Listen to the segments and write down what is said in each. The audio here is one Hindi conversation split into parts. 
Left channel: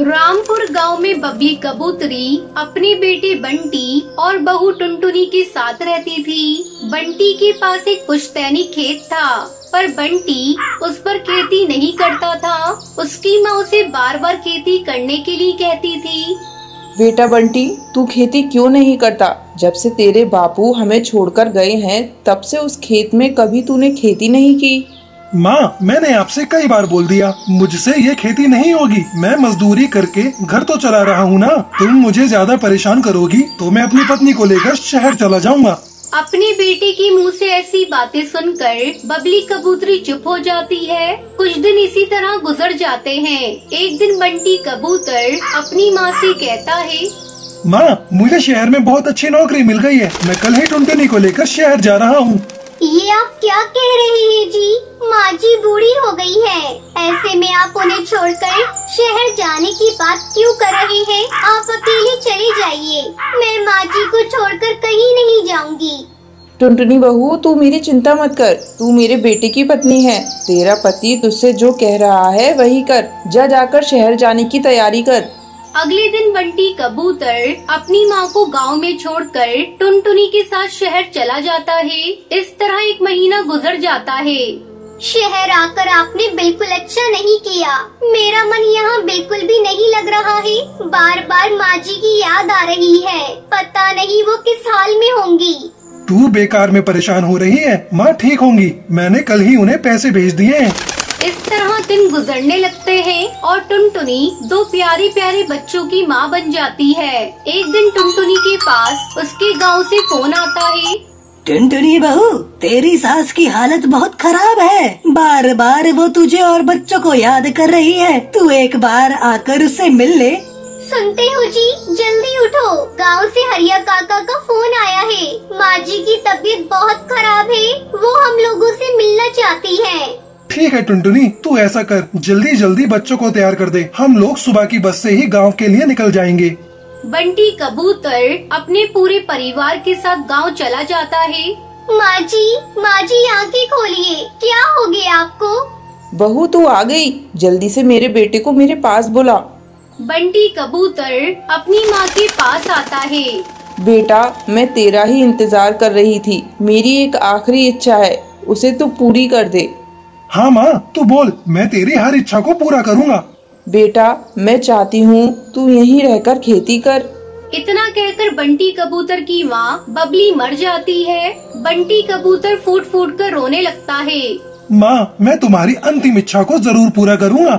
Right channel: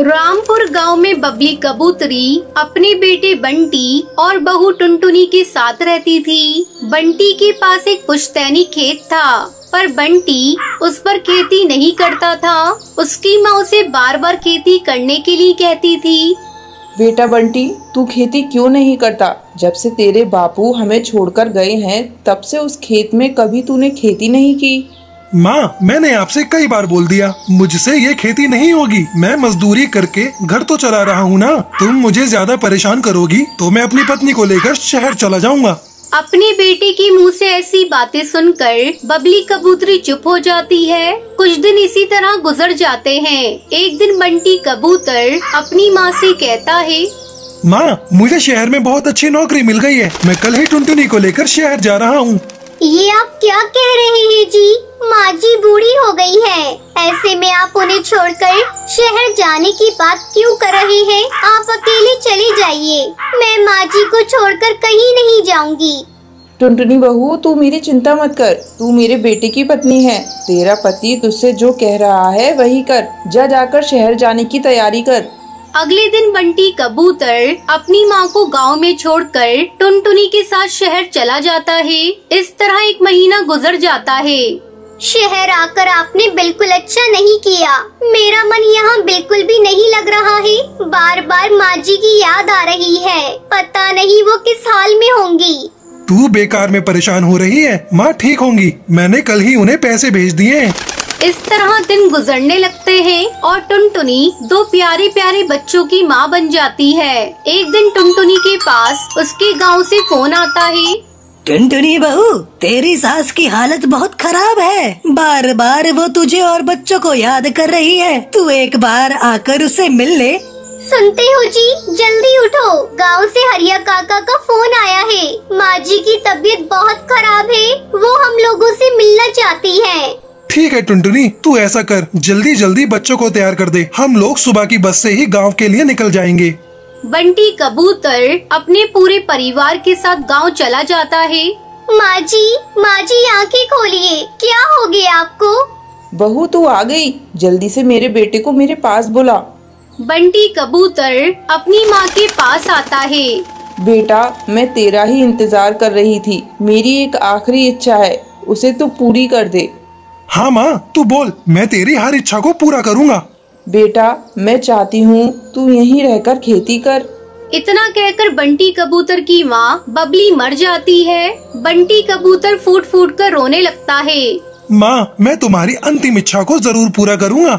रामपुर गांव में बबली कबूतरी अपने बेटे बंटी और बहू टुनटुनी के साथ रहती थी। बंटी के पास एक पुश्तैनी खेत था, पर बंटी उस पर खेती नहीं करता था। उसकी माँ उसे बार बार खेती करने के लिए कहती थी। बेटा बंटी, तू खेती क्यों नहीं करता? जब से तेरे बापू हमें छोड़कर गए हैं, तब से उस खेत में कभी तूने खेती नहीं की। माँ, मैंने आपसे कई बार बोल दिया, मुझसे ये खेती नहीं होगी। मैं मजदूरी करके घर तो चला रहा हूँ ना। तुम मुझे ज्यादा परेशान करोगी तो मैं अपनी पत्नी को लेकर शहर चला जाऊँगा। अपने बेटे के मुंह से ऐसी बातें सुनकर बबली कबूतरी चुप हो जाती है। कुछ दिन इसी तरह गुजर जाते हैं। एक दिन बंटी कबूतर अपनी माँ से कहता है, माँ, मुझे शहर में बहुत अच्छी नौकरी मिल गई है। मैं कल ही टुनटुनी को लेकर शहर जा रहा हूँ। ये आप क्या कह रहे हैं जी? माँ जी बूढ़ी हो गई है, ऐसे में आप उन्हें छोड़कर शहर जाने की बात क्यों कर रहे हैं? आप अकेले चली जाइए, मैं माँ जी को छोड़कर कहीं नहीं जाऊंगी। टुनटुनी बहू, तू मेरी चिंता मत कर। तू मेरे बेटे की पत्नी है। तेरा पति तुझसे जो कह रहा है वही कर। जाकर शहर जाने की तैयारी कर। अगले दिन बंटी कबूतर अपनी माँ को गांव में छोड़कर टुनटुनी के साथ शहर चला जाता है। इस तरह एक महीना गुजर जाता है। शहर आकर आपने बिल्कुल अच्छा नहीं किया। मेरा मन यहाँ बिल्कुल भी नहीं लग रहा है। बार बार माँ जी की याद आ रही है। पता नहीं वो किस हाल में होंगी। तू बेकार में परेशान हो रही है। माँ ठीक होंगी, मैंने कल ही उन्हें पैसे भेज दिए। इस तरह दिन गुजरने लगते हैं और टुनटुनी दो प्यारे प्यारे बच्चों की माँ बन जाती है। एक दिन टुनटुनी के पास उसके गांव से फोन आता है। टुनटुनी बहू, तेरी सास की हालत बहुत खराब है। बार बार वो तुझे और बच्चों को याद कर रही है। तू एक बार आकर उससे मिल ले। सुनते हो जी, जल्दी उठो। गांव से हरिया काका का फोन आया है। माँ जी की तबीयत बहुत खराब है। वो हम लोगों से मिलना चाहती है। ठीक है टुनटुनी, तू ऐसा कर, जल्दी जल्दी बच्चों को तैयार कर दे। हम लोग सुबह की बस से ही गांव के लिए निकल जाएंगे। बंटी कबूतर अपने पूरे परिवार के साथ गांव चला जाता है। माँ जी आंखें खोलिए, क्या हो गया आपको? बहू, तू आ गई। जल्दी से मेरे बेटे को मेरे पास बुला। बंटी कबूतर अपनी माँ के पास आता है। बेटा, मैं तेरा ही इंतजार कर रही थी। मेरी एक आखिरी इच्छा है, उसे तू पूरी कर दे। हाँ माँ, तू बोल, मैं तेरी हर इच्छा को पूरा करूँगा। बेटा, मैं चाहती हूँ तू यहीं रहकर खेती कर। इतना कहकर बंटी कबूतर की माँ बबली मर जाती है। बंटी कबूतर फूट फूट कर रोने लगता है। माँ, मैं तुम्हारी अंतिम इच्छा को जरूर पूरा करूँगा।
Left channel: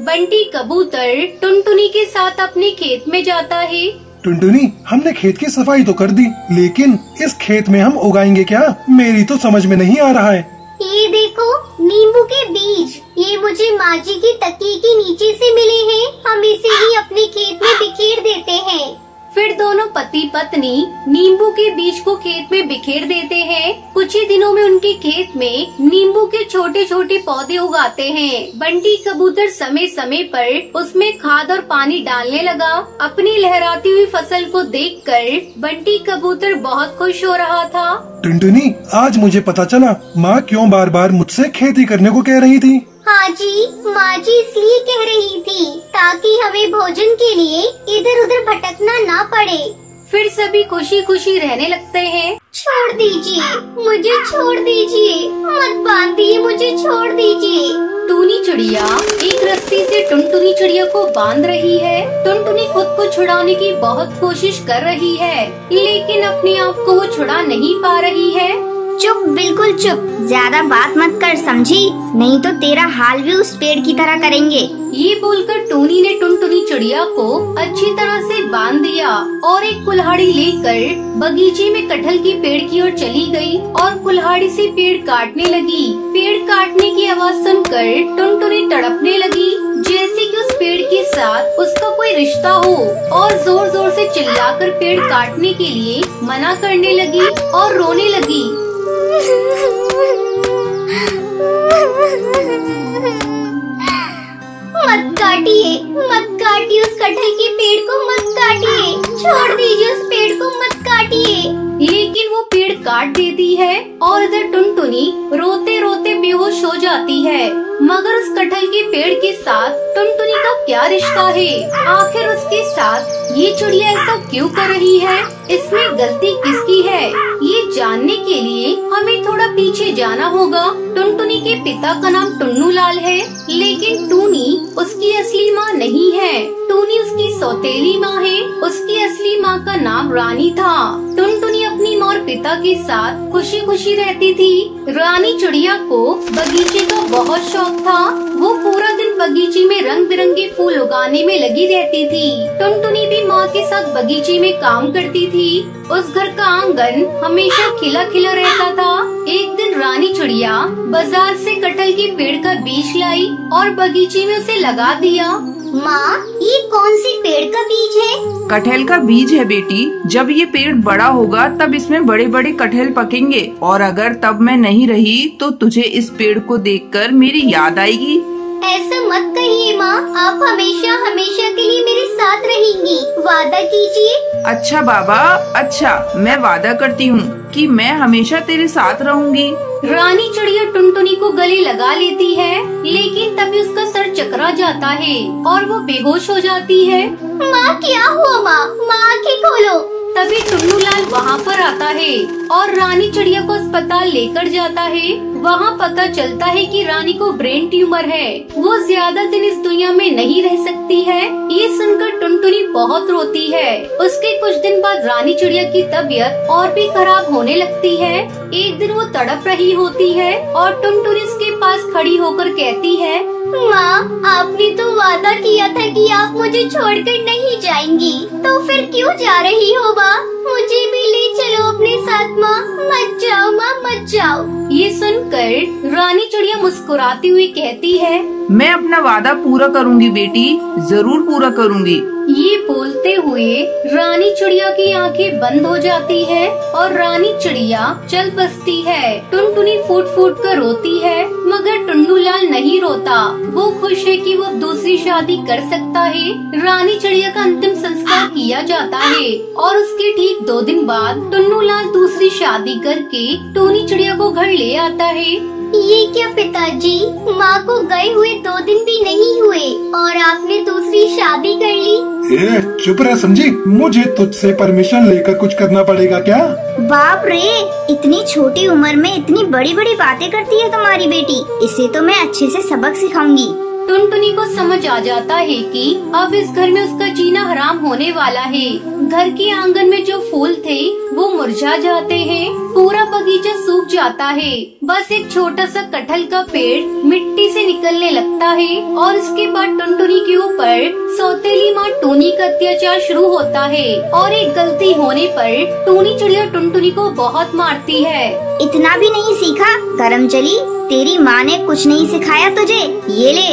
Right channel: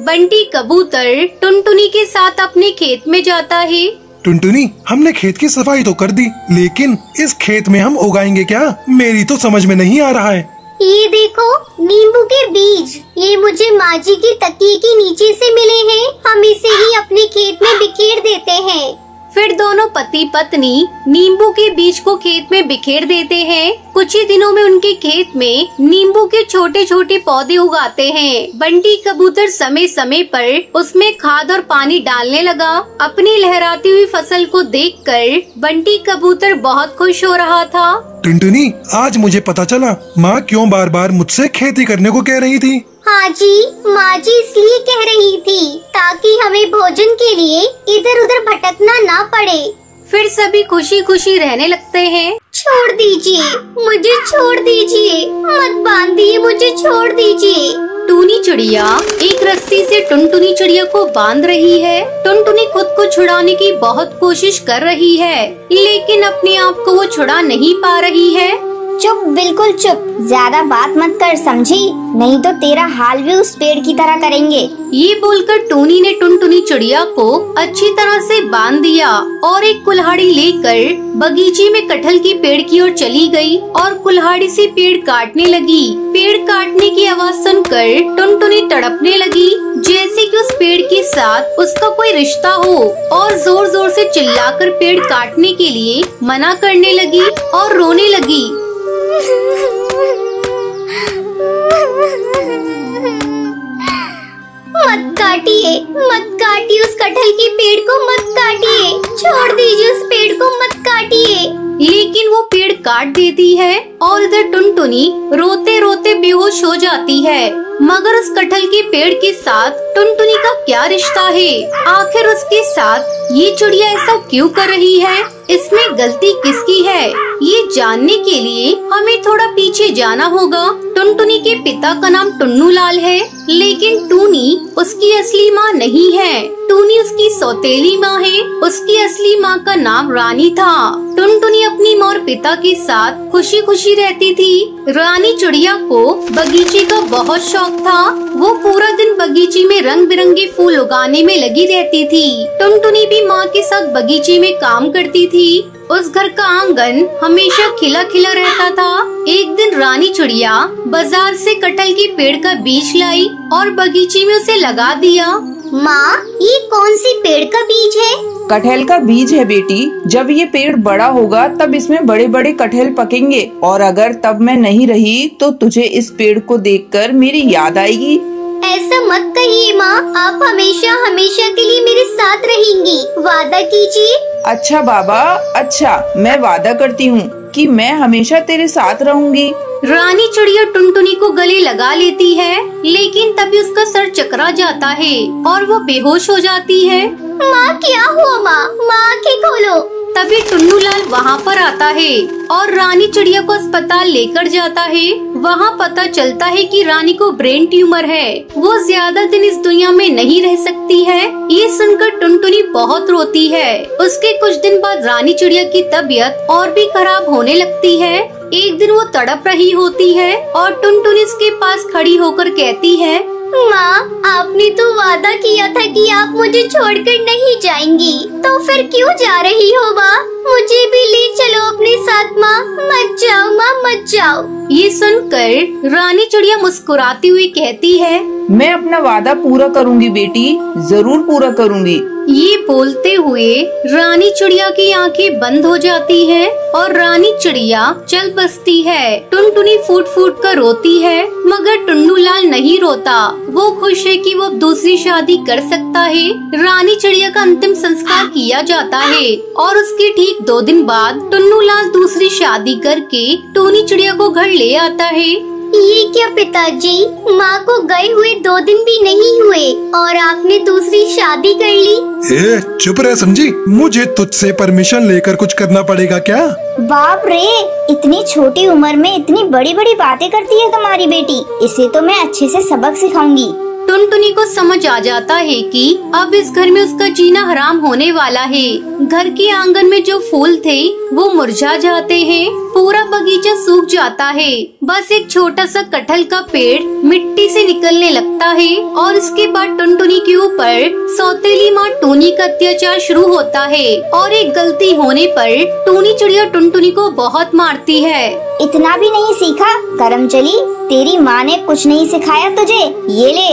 बंटी कबूतर टुनटुनी के साथ अपने खेत में जाता है। टुनटुनी, हमने खेत की सफाई तो कर दी, लेकिन इस खेत में हम उगाएंगे क्या? मेरी तो समझ में नहीं आ रहा है। ये देखो, नींबू के बीज। ये मुझे माँ जी के तकिए के नीचे से मिले हैं। हम इसे ही अपने खेत में बिखेर देते हैं। फिर दोनों पति पत्नी नींबू के बीज को खेत में बिखेर देते हैं। कुछ ही दिनों में उनके खेत में नींबू के छोटे छोटे पौधे उगाते हैं। बंटी कबूतर समय समय पर उसमें खाद और पानी डालने लगा। अपनी लहराती हुई फसल को देखकर बंटी कबूतर बहुत खुश हो रहा था। टुनटुनी, आज मुझे पता चला माँ क्यों बार बार मुझसे खेती करने को कह रही थी। हाँ जी, माँ जी इसलिए कह रही थी ताकि हमें भोजन के लिए इधर उधर भटकना ना पड़े। फिर सभी खुशी खुशी रहने लगते हैं। छोड़ दीजिए, मुझे छोड़ दीजिए, मत बांधिए, मुझे छोड़ दीजिए। टूनी चिड़िया एक रस्सी से टुनटुनी चिड़िया को बांध रही है। टुनटुनी खुद को छुड़ाने की बहुत कोशिश कर रही है, लेकिन अपने आप को वो छुड़ा नहीं पा रही है। चुप, बिल्कुल चुप। ज्यादा बात मत कर, समझी? नहीं तो तेरा हाल भी उस पेड़ की तरह करेंगे। ये बोलकर टूनी ने टुनटुनी चिड़िया को अच्छी तरह से बांध दिया और एक कुल्हाड़ी लेकर बगीचे में कटहल की पेड़ की ओर चली गई और कुल्हाड़ी से पेड़ काटने लगी। पेड़ काटने की आवाज सुनकर टुनटुनी तड़पने लगी, जैसे कि उस पेड़ के साथ उसका कोई रिश्ता हो, और जोर जोर से चिल्लाकर पेड़ काटने के लिए मना करने लगी और रोने लगी। मत काटिए उस कटहल के पेड़ को, मत काटिए। छोड़ दीजिए उस पेड़ को, मत काटिए। लेकिन वो पेड़ काट देती है और इधर टुनटुनी रोते रोते बेहोश हो जाती है। मगर उस कटहल के पेड़ के साथ टुनटुनी का क्या रिश्ता है? आखिर उसके साथ ये चिड़िया ऐसा क्यों कर रही है? इसमें गलती किसकी है? ये जानने के लिए हमें थोड़ा पीछे जाना होगा। टुनटुनी के पिता का नाम टुन्नू लाल है, लेकिन टूनी उसकी असली माँ नहीं है। टूनी उसकी सौतेली माँ है। उसकी असली माँ का नाम रानी था। टुनटुनी अपनी माँ और पिता के साथ खुशी खुशी रहती थी। रानी चिड़िया को बगीचे का बहुत शौक था। वो पूरा दिन बगीचे में रंग बिरंगे फूल उगाने में लगी रहती थी। टुनटुनी भी माँ के साथ बगीचे में काम करती थी। उस घर का आंगन हमेशा खिला खिला रहता था। एक दिन रानी चिड़िया बाजार से कटहल के पेड़ का बीज लाई और बगीचे में उसे लगा दिया। माँ, ये कौन सी पेड़ का बीज है? कटहल का बीज है बेटी। जब ये पेड़ बड़ा होगा तब इसमें बड़े बड़े कटहल पकेंगे, और अगर तब मैं नहीं रही तो तुझे इस पेड़ को देखकर मेरी याद आएगी। ऐसा मत कहिए माँ, आप हमेशा हमेशा के लिए मेरे साथ रहेंगी। वादा कीजिए। अच्छा बाबा, अच्छा, मैं वादा करती हूँ कि मैं हमेशा तेरे साथ रहूंगी। रानी चिड़िया टुनटुनी को गले लगा लेती है, लेकिन तभी उसका सर चकरा जाता है और वो बेहोश हो जाती है। माँ, क्या हुआ माँ? माँ, आँखें खोलो। तभी टुन्नू लाल वहाँ पर आता है और रानी चिड़िया को अस्पताल लेकर जाता है। वहाँ पता चलता है कि रानी को ब्रेन ट्यूमर है। वो ज्यादा दिन इस दुनिया में नहीं रह सकती है। ये सुनकर टुनटुनी बहुत रोती है। उसके कुछ दिन बाद रानी चिड़िया की तबीयत और भी खराब होने लगती है। एक दिन वो तड़प रही होती है और टुनटुनी उसके पास खड़ी होकर कहती है, माँ, आपने तो वादा किया था कि आप मुझे छोड़कर नहीं जाएंगी, तो फिर क्यों जा रही हो माँ? मुझे भी ले चलो अपने साथ माँ। मत जाओ माँ, मत जाओ। ये सुनकर रानी चिड़िया मुस्कुराती हुई कहती है, मैं अपना वादा पूरा करूंगी बेटी, जरूर पूरा करूंगी। ये बोलते हुए रानी चिड़िया की आंखें बंद हो जाती है और रानी चिड़िया चल बसती है। टुनटुनी फूट फूट कर रोती है, मगर टुन्नू लाल नहीं रोता। वो खुश है कि वो दूसरी शादी कर सकता है। रानी चिड़िया का अंतिम संस्कार किया जाता है और उसके ठीक 2 दिन बाद टुन्नू लाल दूसरी शादी करके टूनी चिड़िया को घर ले आता है। ये क्या पिताजी, माँ को गए हुए 2 दिन भी नहीं हुए और आपने दूसरी शादी कर ली? चुप रह समझी, मुझे तुझसे परमिशन लेकर कुछ करना पड़ेगा क्या? बाप रे, इतनी छोटी उम्र में इतनी बड़ी बड़ी बातें करती है तुम्हारी बेटी। इसे तो मैं अच्छे से सबक सिखाऊंगी। टुनटुनी को समझ आ जाता है कि अब इस घर में उसका जीना हराम होने वाला है। घर के आंगन में जो फूल थे वो मुरझा जाते हैं। पूरा बगीचा सूख जाता है। बस एक छोटा सा कटहल का पेड़ मिट्टी से निकलने लगता है और इसके बाद टुनटुनी के ऊपर सौतेली माँ टूनी का अत्याचार शुरू होता है और एक गलती होने पर टूनी चिड़िया टुनटुनी को बहुत मारती है। इतना भी नहीं सीखा करमचली, तेरी माँ ने कुछ नहीं सिखाया तुझे। ये ले।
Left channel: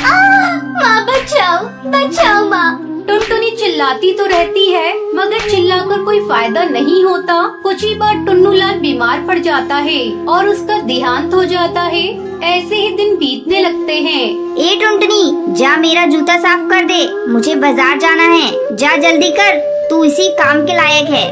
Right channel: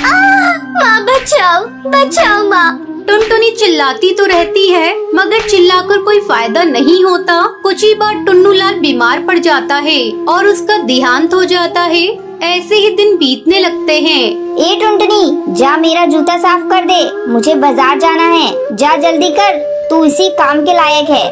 माँ, बचाओ बचाओ माँ। टुनटुनी चिल्लाती तो रहती है, मगर चिल्लाकर कोई फायदा नहीं होता। कुछ ही बार टुन्नू लाल बीमार पड़ जाता है और उसका देहांत हो जाता है। ऐसे ही दिन बीतने लगते हैं। ए टुनटुनी, जा मेरा जूता साफ कर दे, मुझे बाजार जाना है। जा जल्दी कर, तू इसी काम के लायक है।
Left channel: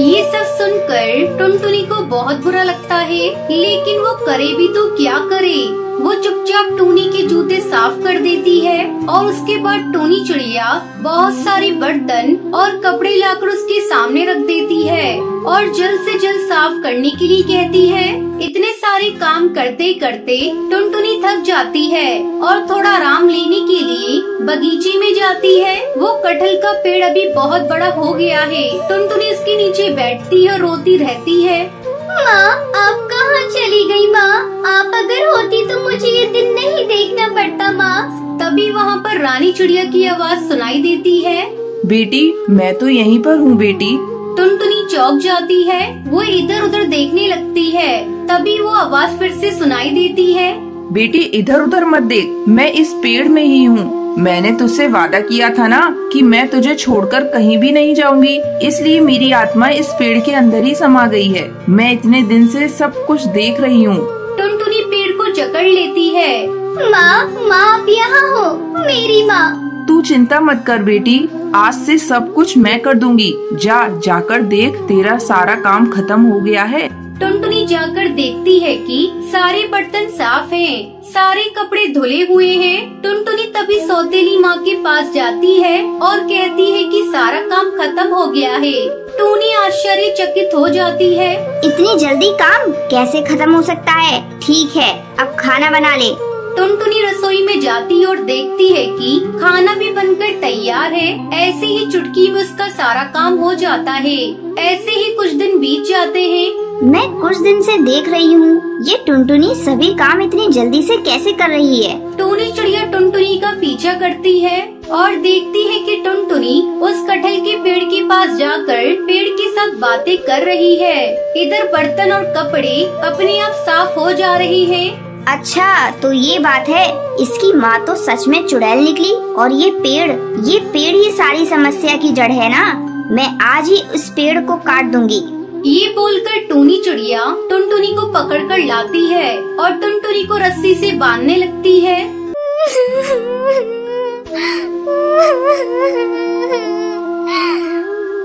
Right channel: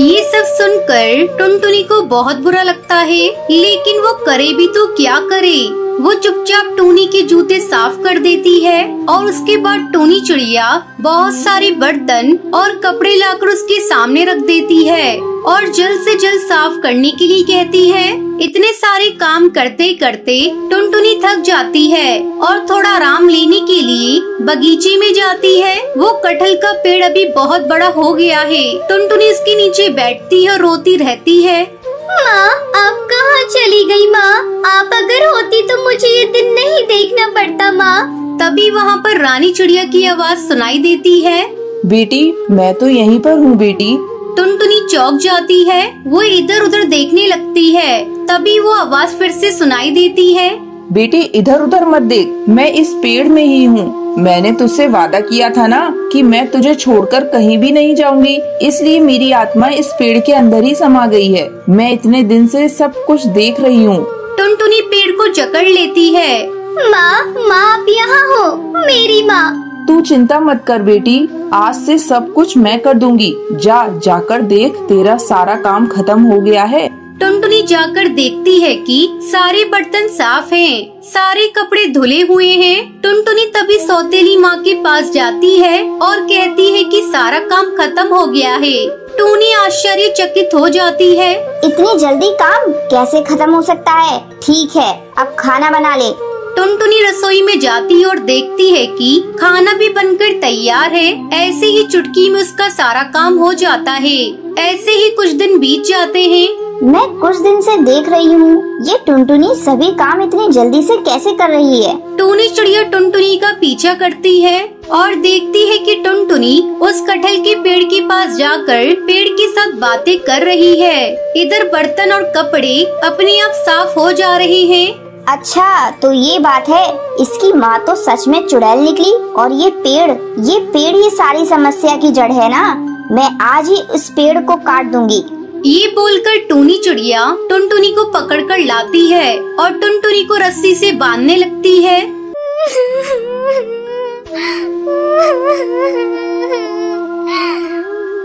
ये सब सुनकर टुनटुनी को बहुत बुरा लगता है, लेकिन वो करे भी तो क्या करे। वो चुपचाप टूनी के जूते साफ कर देती है और उसके बाद टूनी चिड़िया बहुत सारे बर्तन और कपड़े लाकर उसके सामने रख देती है और जल्द से जल्द साफ करने के लिए कहती है। इतने सारे काम करते करते टुनटुनी थक जाती है और थोड़ा आराम लेने के लिए बगीचे में जाती है। वो कटहल का पेड़ अभी बहुत बड़ा हो गया है। टुनटुनी उसके नीचे बैठती है और रोती रहती है। माँ, आप कहाँ चली गई माँ? आप अगर होती तो मुझे ये दिन नहीं देखना पड़ता माँ। तभी वहाँ पर रानी चिड़िया की आवाज सुनाई देती है। बेटी, मैं तो यहीं पर हूँ बेटी। टुनटुनी चौंक जाती है। वो इधर उधर देखने लगती है। तभी वो आवाज फिर से सुनाई देती है। बेटी, इधर उधर मत देख, मैं इस पेड़ में ही हूँ। मैंने तुझसे वादा किया था ना कि मैं तुझे छोड़कर कहीं भी नहीं जाऊंगी, इसलिए मेरी आत्मा इस पेड़ के अंदर ही समा गई है। मैं इतने दिन से सब कुछ देख रही हूँ। टुनटुनी पेड़ को जकड़ लेती है। माँ, माँ आप यहाँ हो, मेरी माँ। तू चिंता मत कर बेटी, आज से सब कुछ मैं कर दूंगी। जाकर देख, तेरा सारा काम खत्म हो गया है। टुनटुनी जाकर देखती है कि सारे बर्तन साफ हैं, सारे कपड़े धुले हुए हैं। टुनटुनी तभी सौतेली माँ के पास जाती है और कहती है कि सारा काम खत्म हो गया है। टूनी आश्चर्यचकित हो जाती है। इतनी जल्दी काम कैसे खत्म हो सकता है? ठीक है, अब खाना बना ले। टुनटुनी रसोई में जाती और देखती है कि खाना भी बनकर तैयार है। ऐसे ही चुटकी में उसका सारा काम हो जाता है। ऐसे ही कुछ दिन बीत जाते हैं। मैं कुछ दिन से देख रही हूँ, ये टुनटुनी सभी काम इतनी जल्दी से कैसे कर रही है? टूनी चिड़िया टुनटुनी का पीछा करती है और देखती है कि टुनटुनी उस कटहल के पेड़ के पास जाकर पेड़ के साथ बातें कर रही है। इधर बर्तन और कपड़े अपने आप साफ हो जा रहे हैं। अच्छा, तो ये बात है। इसकी माँ तो सच में चुड़ैल निकली और ये पेड़ ही सारी समस्या की जड़ है ना। मैं आज ही उस पेड़ को काट दूंगी। ये बोलकर टूनी चिड़िया टुनटुनी को पकड़कर लाती है और टुनटुनी को रस्सी से बांधने लगती है।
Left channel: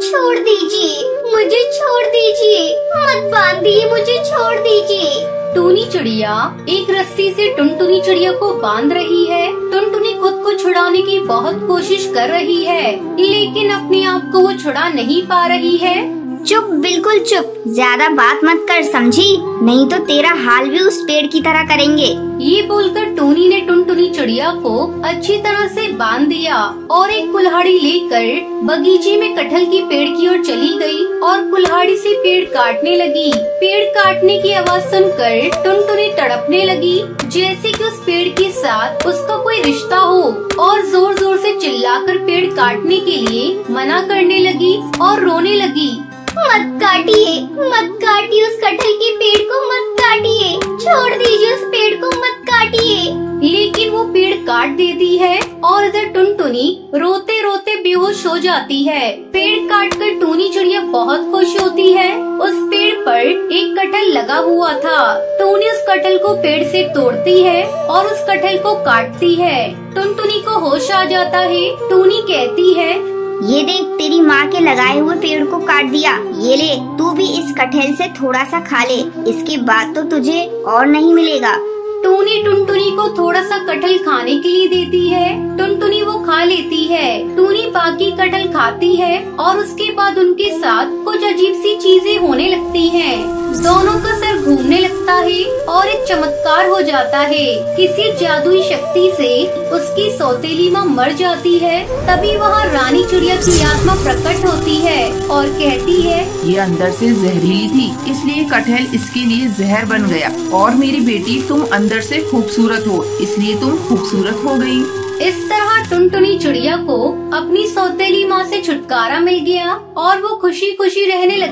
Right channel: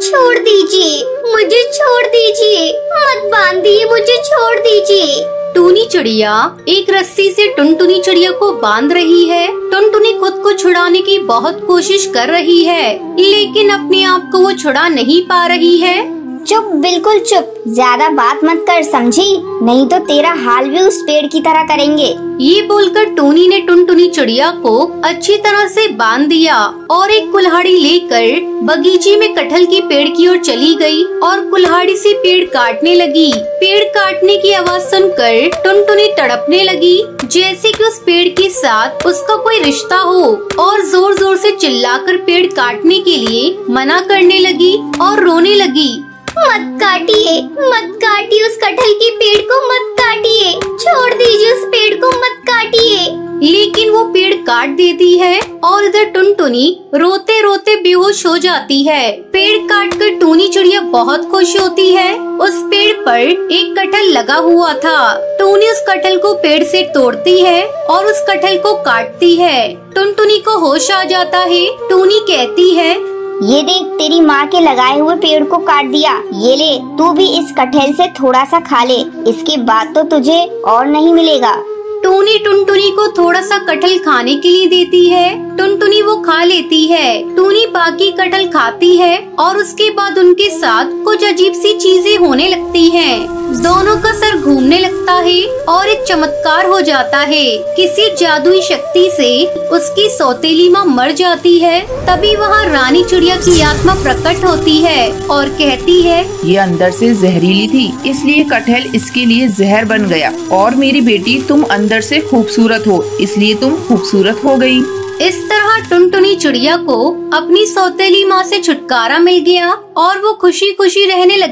छोड़ दीजिए, मुझे छोड़ दीजिए, मत बांधिए, मुझे छोड़ दीजिए। टूनी चिड़िया एक रस्सी से टुनटुनी चिड़िया को बांध रही है। टुनटुनी खुद को छुड़ाने की बहुत कोशिश कर रही है, लेकिन अपने आप को वो छुड़ा नहीं पा रही है। चुप, बिल्कुल चुप, ज्यादा बात मत कर, समझी? नहीं तो तेरा हाल भी उस पेड़ की तरह करेंगे। ये बोलकर टूनी ने टुनटुनी चिड़िया को अच्छी तरह से बांध दिया और एक कुल्हाड़ी लेकर बगीचे में कटहल के पेड़ की ओर चली गई और कुल्हाड़ी से पेड़ काटने लगी। पेड़ काटने की आवाज सुनकर टुनटुनी तड़पने लगी, जैसे कि उस पेड़ के साथ उसका कोई रिश्ता हो, और जोर जोर से चिल्लाकर पेड़ काटने के लिए मना करने लगी और रोने लगी। मत काटिए, मत काटिए, उस कटहल के पेड़ को मत काटिए, छोड़ दीजिए, उस पेड़ को मत काटिए। लेकिन वो पेड़ काट देती है और इधर टुनटुनी रोते रोते बेहोश हो जाती है। पेड़ काटकर टूनी चिड़िया बहुत खुश होती है। उस पेड़ पर एक कटहल लगा हुआ था। टूनी उस कटहल को पेड़ से तोड़ती है और उस कटहल को काटती है। टुनटुनी को होश आ जाता है। टूनी कहती है, ये देख, तेरी माँ के लगाए हुए पेड़ को काट दिया। ये ले, तू भी इस कटहल से थोड़ा सा खा ले, इसके बाद तो तुझे और नहीं मिलेगा। टूनी टुनटुनी को थोड़ा सा कटहल खाने के लिए देती है। टुनटुनी वो खा लेती है। टूनी बाकी कटहल खाती है और उसके बाद उनके साथ कुछ अजीब सी चीजें होने लगती हैं। दोनों का सर घूमने लगता है और एक चमत्कार हो जाता है। किसी जादुई शक्ति से उसकी सौतेली माँ मर जाती है। तभी वहाँ रानी चिड़िया की आत्मा प्रकट होती है और कहती है, ये अंदर से जहरीली थी, इसलिए कटहल इसके लिए जहर बन गया। और मेरी बेटी, तुम अंदर से खूबसूरत हो, इसलिए तुम खूबसूरत हो गई। इस तरह टुनटुनी चिड़िया को अपनी सौतेली माँ से छुटकारा मिल गया और वो खुशी खुशी रहने लगी।